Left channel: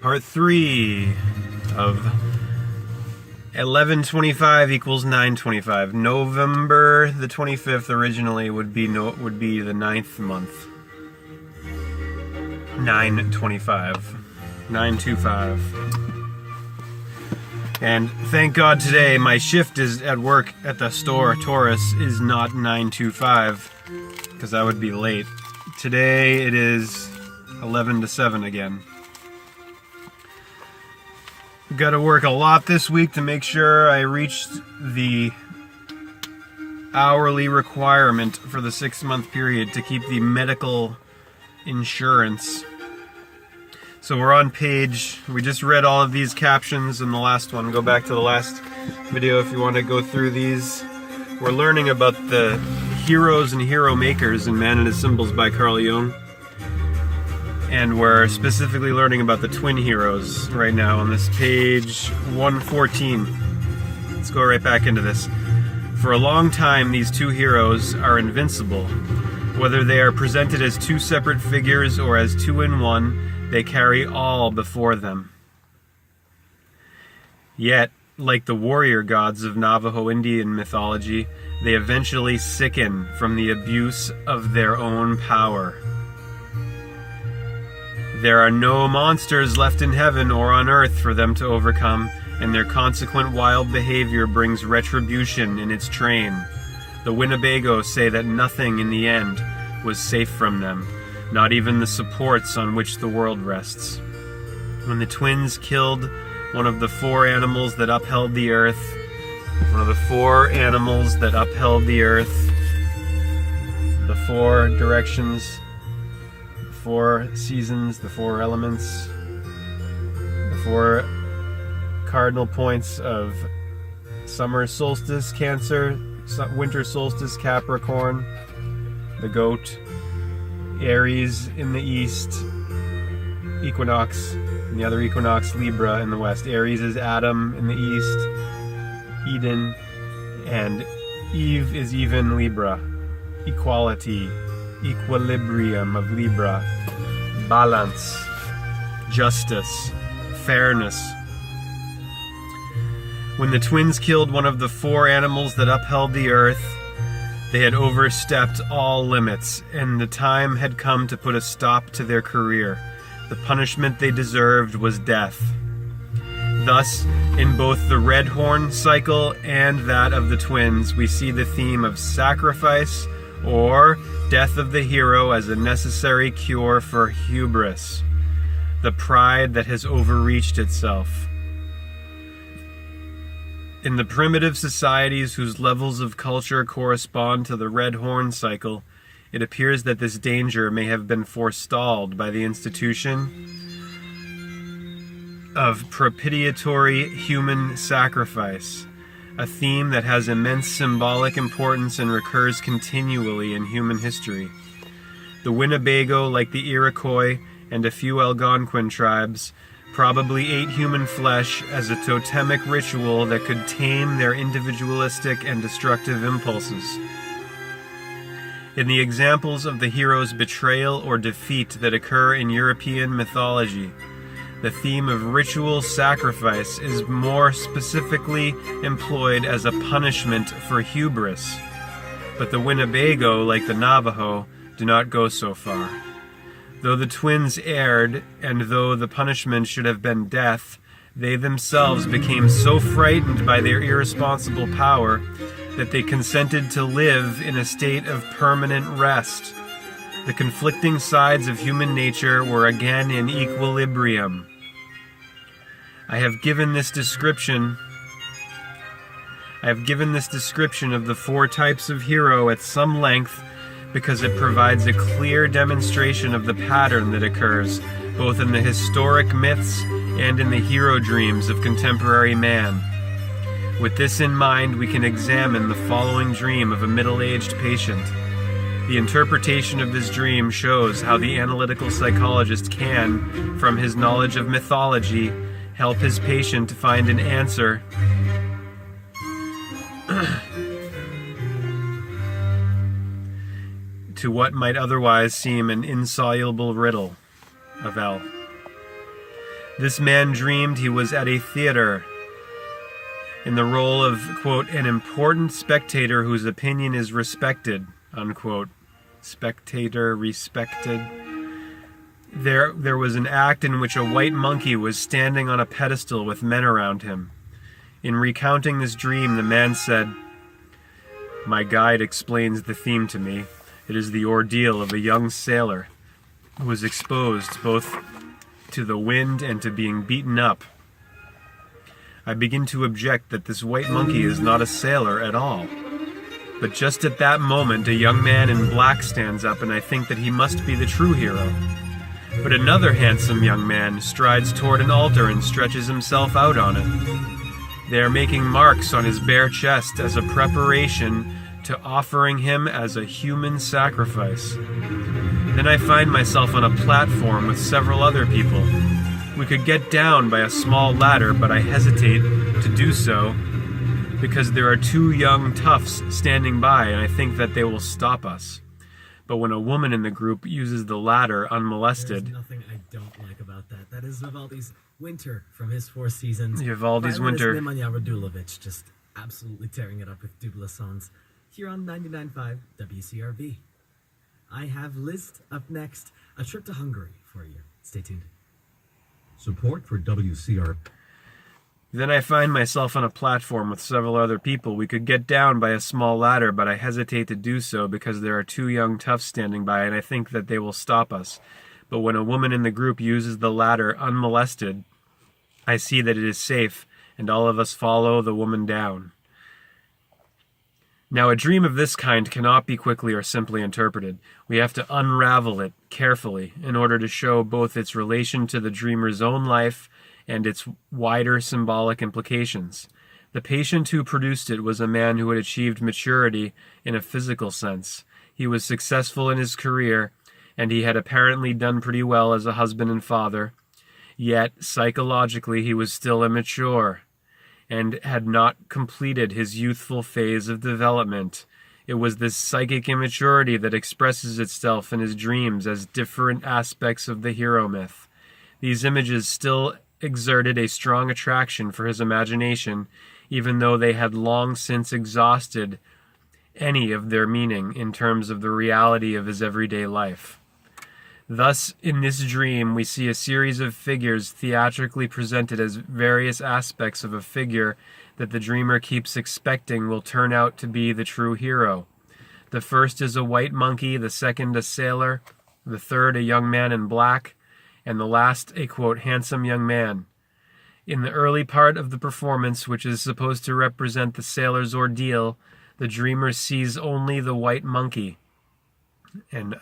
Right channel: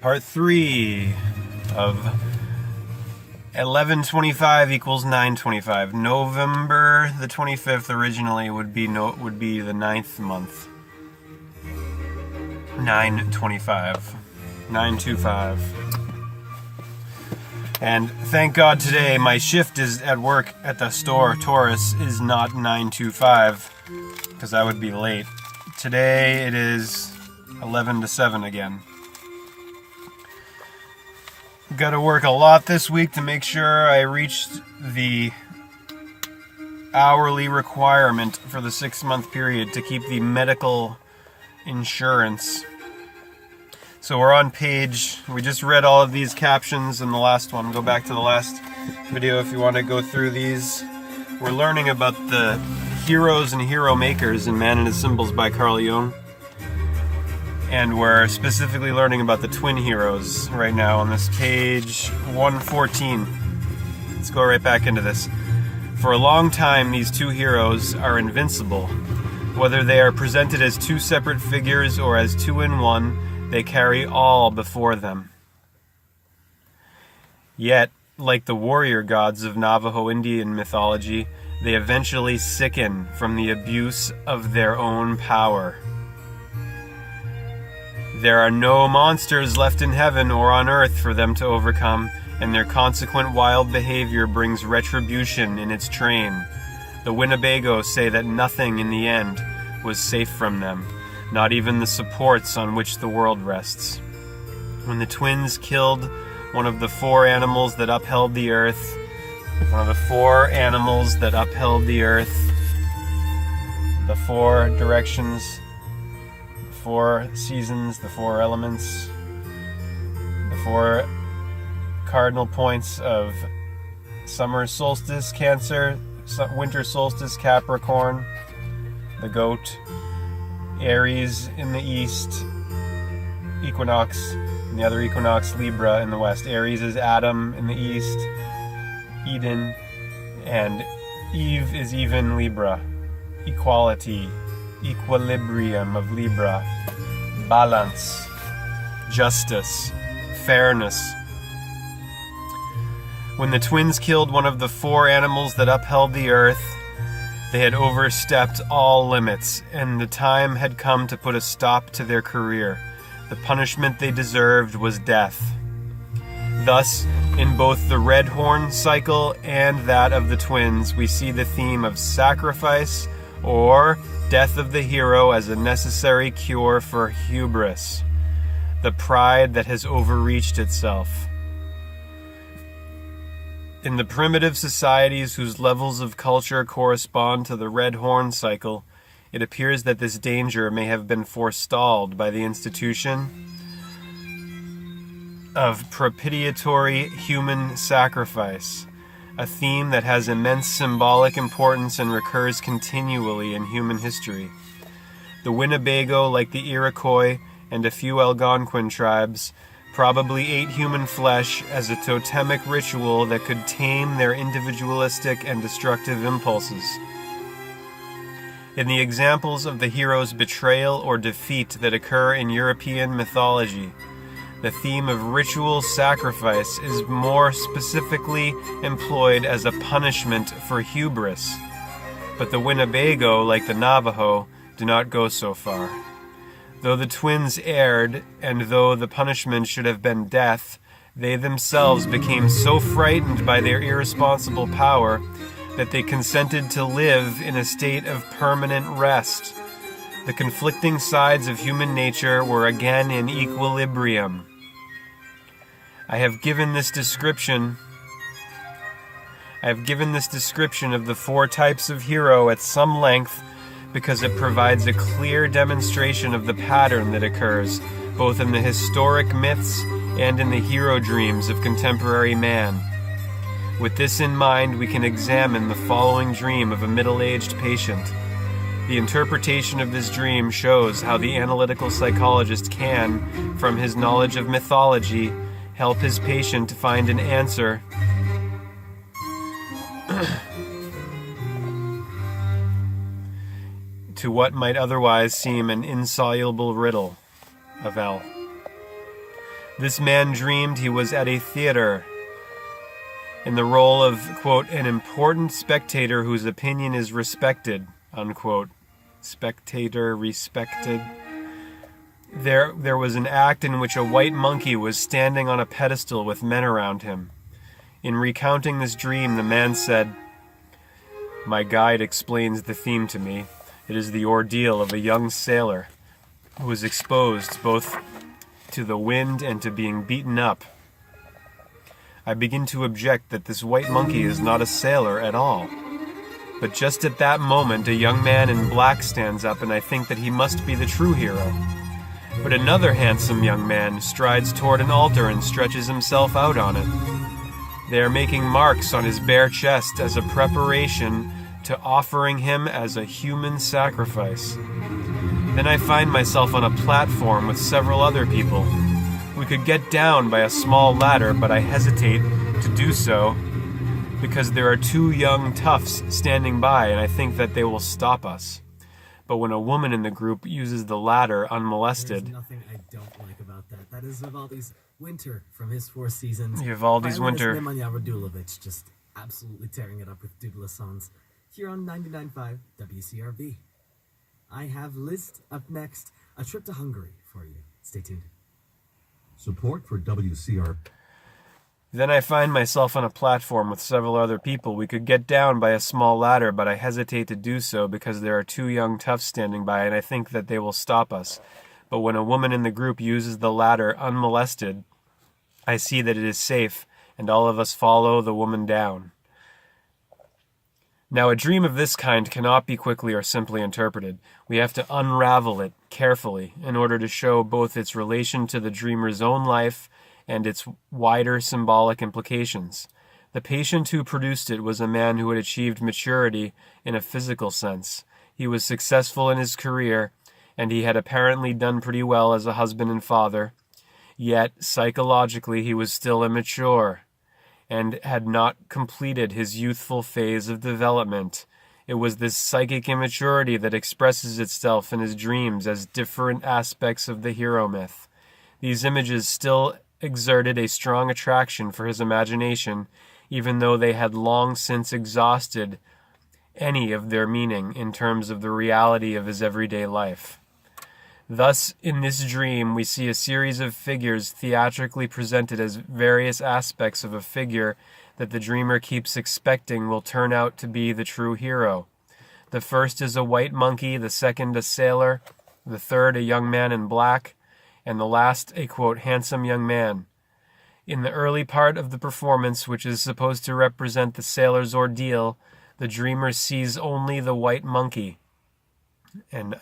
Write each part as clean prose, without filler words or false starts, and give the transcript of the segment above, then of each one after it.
Part 3 of 1125 equals 925. November the 25th originally would be the 9th month. 925. 925. And thank God today my shift is at work at the store, Taurus, is not 925, because I would be late. Today it is 11 to 7 again. Got to work a lot this week to make sure I reach the hourly requirement for the 6-month period to keep the medical insurance. So we're on page, we just read all of these captions in the last one. Go back to the last video if you want to go through these. We're learning about the heroes and hero makers in Man and His Symbols by Carl Jung. And we're specifically learning about the twin heroes right now on this page 114. Let's go right back into this. For a long time, these two heroes are invincible. Whether they are presented as two separate figures or as two in one, they carry all before them. Yet, like the warrior gods of Navajo Indian mythology, they eventually sicken from the abuse of their own power. There are no monsters left in heaven or on earth for them to overcome, and their consequent wild behavior brings retribution in its train. The Winnebago say that nothing in the end was safe from them, not even the supports on which the world rests. When the twins killed one of the four animals that upheld the earth, the four directions, 4 seasons, the 4 elements, the 4 cardinal points of summer solstice, Cancer, winter solstice, Capricorn, the goat, Aries in the east, equinox, and the other equinox, Libra in the west. Aries is Adam in the east, Eden, and Eve is even Libra, equality, equilibrium of Libra, balance, justice, fairness. When the twins killed one of the 4 animals that upheld the earth, they had overstepped all limits, and the time had come to put a stop to their career. The punishment they deserved was death. Thus, in both the red horn cycle and that of the twins, we see the theme of sacrifice or death of the hero as a necessary cure for hubris, the pride that has overreached itself. In the primitive societies whose levels of culture correspond to the red horn cycle, it appears that this danger may have been forestalled by the institution of propitiatory human sacrifice, a theme that has immense symbolic importance and recurs continually in human history. The Winnebago, like the Iroquois and a few Algonquin tribes, probably ate human flesh as a totemic ritual that could tame their individualistic and destructive impulses. In the examples of the hero's betrayal or defeat that occur in European mythology, the theme of ritual sacrifice is more specifically employed as a punishment for hubris, but the Winnebago, like the Navajo, do not go so far. Though the twins erred, and though the punishment should have been death, they themselves became so frightened by their irresponsible power that they consented to live in a state of permanent rest. The conflicting sides of human nature were again in equilibrium. I have given this description of the 4 types of hero at some length because it provides a clear demonstration of the pattern that occurs both in the historic myths and in the hero dreams of contemporary man. With this in mind, we can examine the following dream of a middle-aged patient. The interpretation of this dream shows how the analytical psychologist can, from his knowledge of mythology, help his patient find an answer to what might otherwise seem an insoluble riddle of L. This man dreamed he was at a theater in the role of, quote, an important spectator whose opinion is respected, unquote. Spectator respected. There was an act in which a white monkey was standing on a pedestal with men around him. In recounting this dream, the man said, "My guide explains the theme to me. It is the ordeal of a young sailor who was exposed both to the wind and to being beaten up. I begin to object that this white monkey is not a sailor at all. But just at that moment, a young man in black stands up, and I think that he must be the true hero. But another handsome young man strides toward an altar and stretches himself out on it. They are making marks on his bare chest as a preparation to offering him as a human sacrifice. Then I find myself on a platform with several other people. We could get down by a small ladder, but I hesitate to do so because there are two young toughs standing by, and I think that they will stop us. But when a woman in the group uses the ladder unmolested..." There's nothing I don't like about that. That is Vivaldi's Winter from his Four Seasons. Vivaldi's Winter. Nemanja Radulovic just absolutely tearing it up with double songs here on 99.5 WCRV. I have List up next, a trip to Hungary for you. Stay tuned. Support for WCR. Then I find myself on a platform with several other people. We could get down by a small ladder, but I hesitate to do so because there are two young toughs standing by, and I think that they will stop us. But when a woman in the group uses the ladder unmolested, I see that it is safe, and all of us follow the woman down. Now, a dream of this kind cannot be quickly or simply interpreted. We have to unravel it carefully in order to show both its relation to the dreamer's own life and its wider symbolic implications. The patient who produced it was a man who had achieved maturity in a physical sense. He was successful in his career, and he had apparently done pretty well as a husband and father. Yet, psychologically, he was still immature and had not completed his youthful phase of development. It was this psychic immaturity that expresses itself in his dreams as different aspects of the hero myth. These images still exerted a strong attraction for his imagination, even though they had long since exhausted any of their meaning in terms of the reality of his everyday life. Thus, in this dream, we see a series of figures theatrically presented as various aspects of a figure that the dreamer keeps expecting will turn out to be the true hero. The first is a white monkey, the second a sailor, the third a young man in black, and the last a, quote, handsome young man. In the early part of the performance, which is supposed to represent the sailor's ordeal, the dreamer sees only the white monkey. And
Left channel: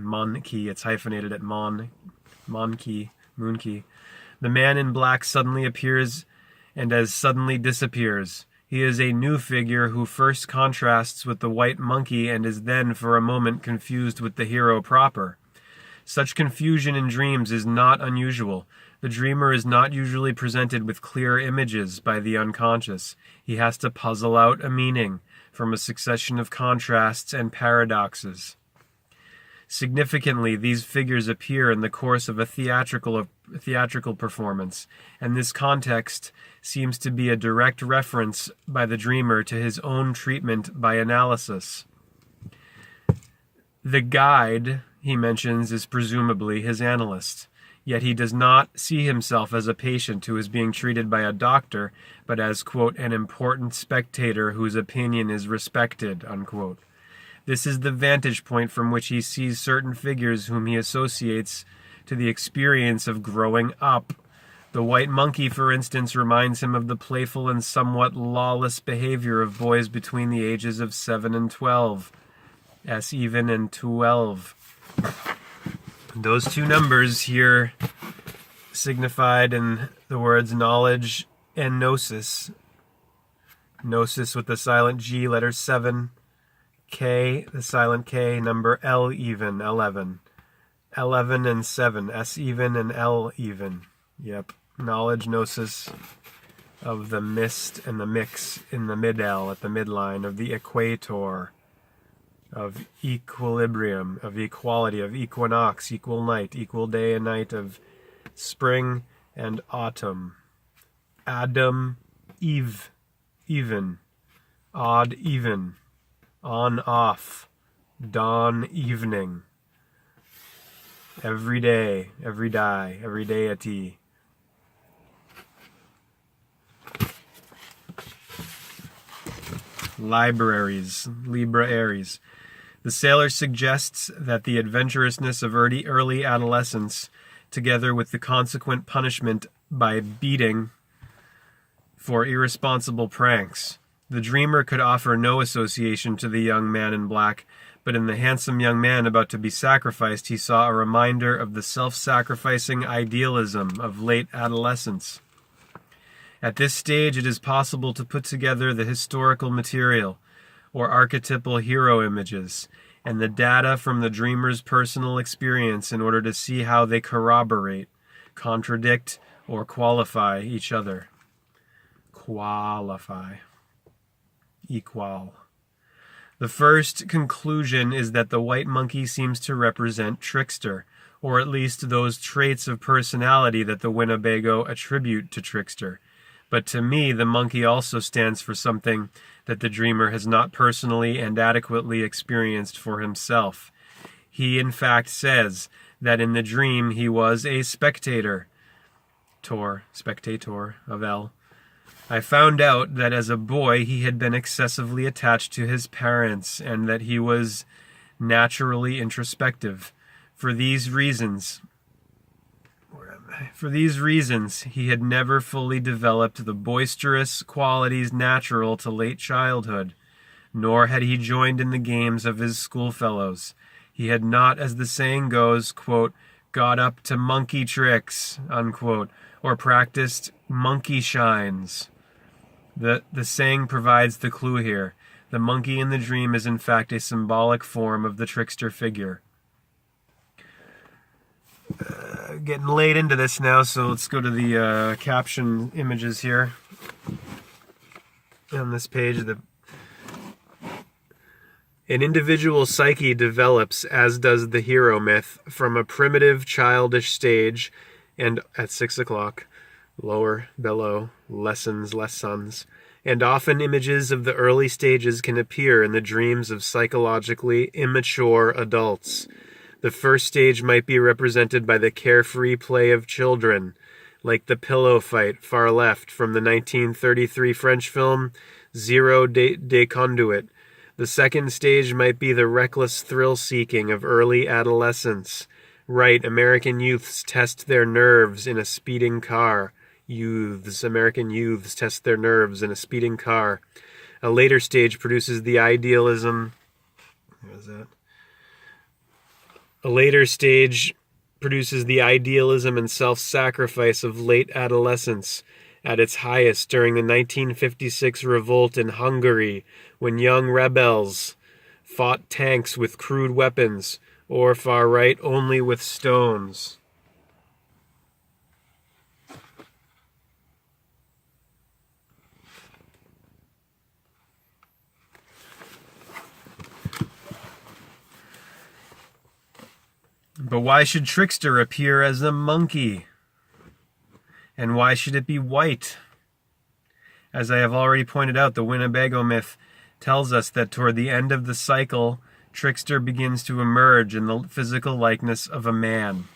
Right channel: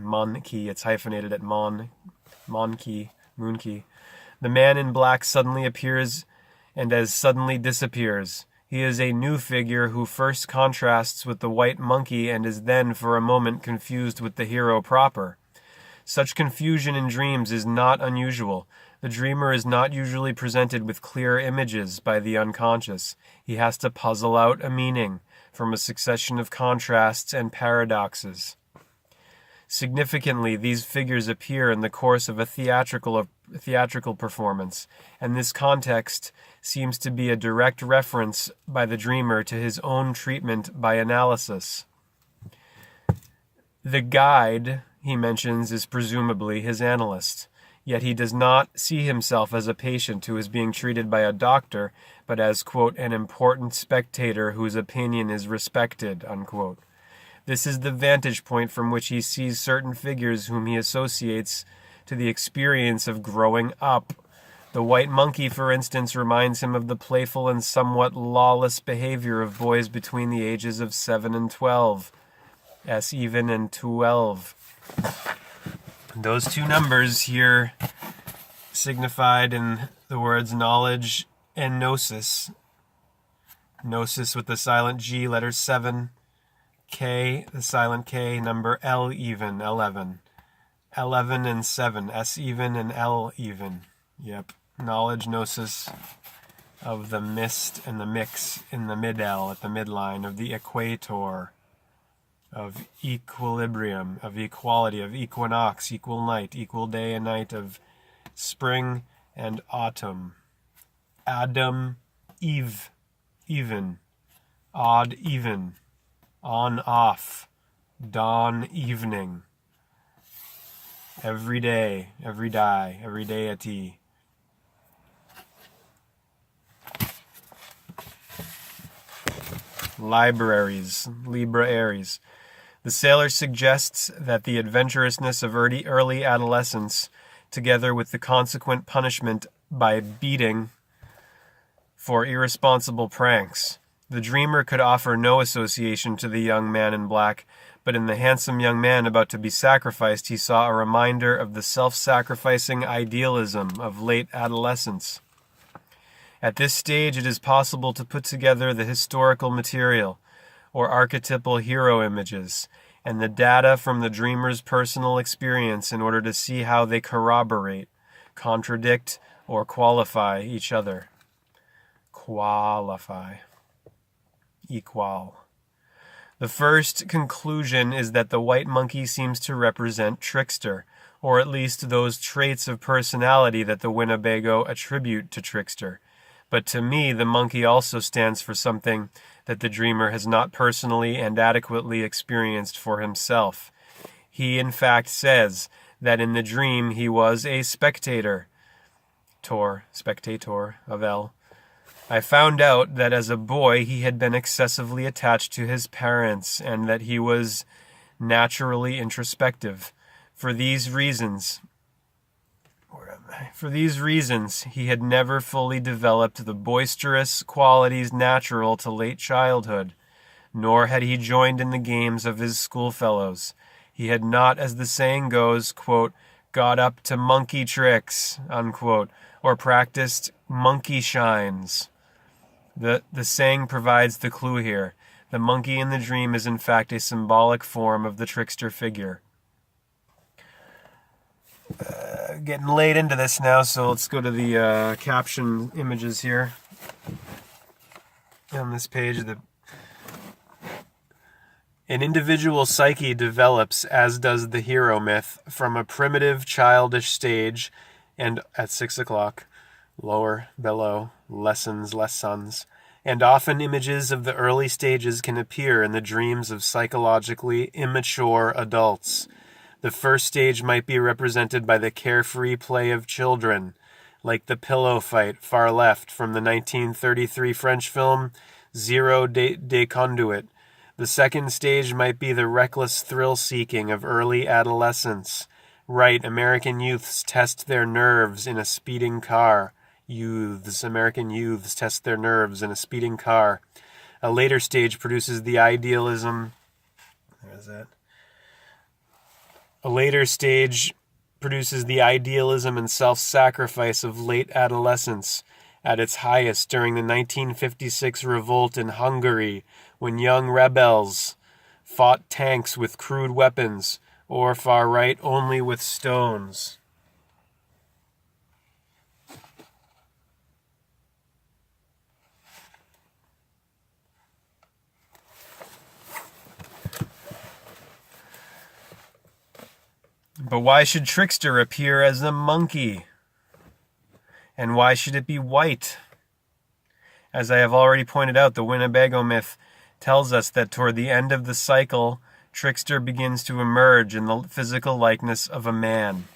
monkey, it's hyphenated at monkey. The man in black suddenly appears and as suddenly disappears. He is a new figure who first contrasts with the white monkey and is then for a moment confused with the hero proper. Such confusion in dreams is not unusual. The dreamer is not usually presented with clear images by the unconscious. He has to puzzle out a meaning from a succession of contrasts and paradoxes. Significantly, these figures appear in the course of a theatrical performance, and this context seems to be a direct reference by the dreamer to his own treatment by analysis. The guide, he mentions, is presumably his analyst, yet he does not see himself as a patient who is being treated by a doctor, but as, quote, an important spectator whose opinion is respected, unquote. This is the vantage point from which he sees certain figures whom he associates to the experience of growing up. The white monkey, for instance, reminds him of the playful and somewhat lawless behavior of boys between the ages of 7 and 12. S-even and 12. Those two numbers here signified in the words knowledge and gnosis. Gnosis with the silent G, letter 7. K, the silent K, number L even, 11. 11 and 7, S even and L even. Yep, knowledge, gnosis, of the mist and the mix in the middle at the midline of the equator, of equilibrium, of equality, of equinox, equal night, equal day and night, of spring and autumn. Adam, Eve, even, odd, even, on, off, dawn, evening. Every day, every die, every deity. Libraries, LibRa Aries. The sailor suggests that the adventurousness of early adolescence, together with the consequent punishment by beating for irresponsible pranks. The dreamer could offer no association to the young man in black, but in the handsome young man about to be sacrificed, he saw a reminder of the self-sacrificing idealism of late adolescence. At this stage, it is possible to put together the historical material, or archetypal hero images, and the data from the dreamer's personal experience in order to see how they corroborate, contradict, or qualify each other. Qualify. Equal. The first conclusion is that the white monkey seems to represent trickster, or at least those traits of personality that the Winnebago attribute to trickster. But to me, the monkey also stands for something that the dreamer has not personally and adequately experienced for himself. He, in fact, says that in the dream he was a spectator. Spectator of L. I found out that as a boy he had been excessively attached to his parents and that he was naturally introspective. For these reasons, he had never fully developed the boisterous qualities natural to late childhood, nor had he joined in the games of his schoolfellows. He had not, as the saying goes, quote, got up to monkey tricks, unquote, or practiced monkey shines. The saying provides the clue here. The monkey in the dream is in fact a symbolic form of the trickster figure. Getting late into this now, so let's go to the caption images here. On this page, an individual psyche develops, as does the hero myth, from a primitive childish stage, and at 6 o'clock, lower, below, lessons, and often images of the early stages can appear in the dreams of psychologically immature adults. The first stage might be represented by the carefree play of children, like the pillow fight far left from the 1933 French film Zero de Conduit. The second stage might be the reckless thrill-seeking of early adolescence. Right, American youths test their nerves in a speeding car. American youths test their nerves in a speeding car. A later stage produces the idealism. Where's that? A later stage produces the idealism and self-sacrifice of late adolescence at its highest during the 1956 revolt in Hungary, when young rebels fought tanks with crude weapons, or far right only with stones. But why should trickster appear as a monkey? And why should it be white? As I have already pointed out, the Winnebago myth tells us that toward the end of the cycle, trickster begins to emerge in the physical likeness of a man.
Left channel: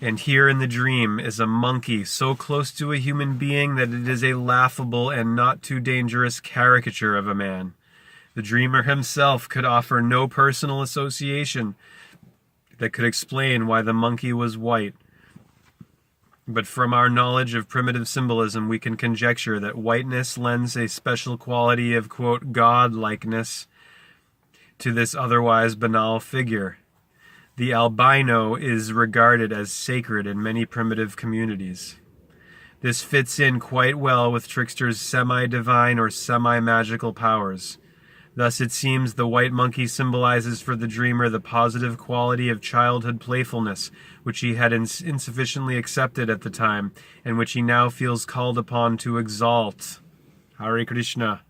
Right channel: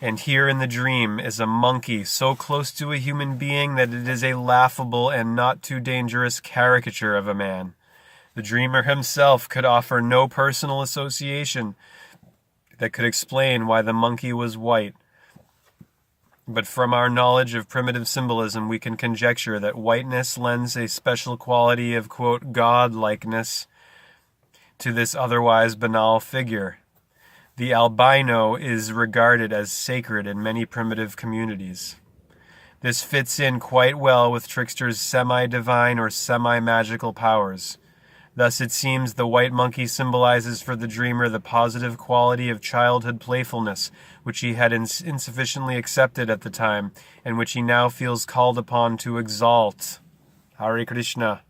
And here in the dream is a monkey so close to a human being that it is a laughable and not too dangerous caricature of a man. The dreamer himself could offer no personal association that could explain why the monkey was white. But from our knowledge of primitive symbolism, we can conjecture that whiteness lends a special quality of, quote, God-likeness to this otherwise banal figure. The albino is regarded as sacred in many primitive communities. This fits in quite well with trickster's semi-divine or semi-magical powers. Thus, it seems the white monkey symbolizes for the dreamer the positive quality of childhood playfulness, which he had insufficiently accepted at the time, and which he now feels called upon to exalt. Hare Krishna.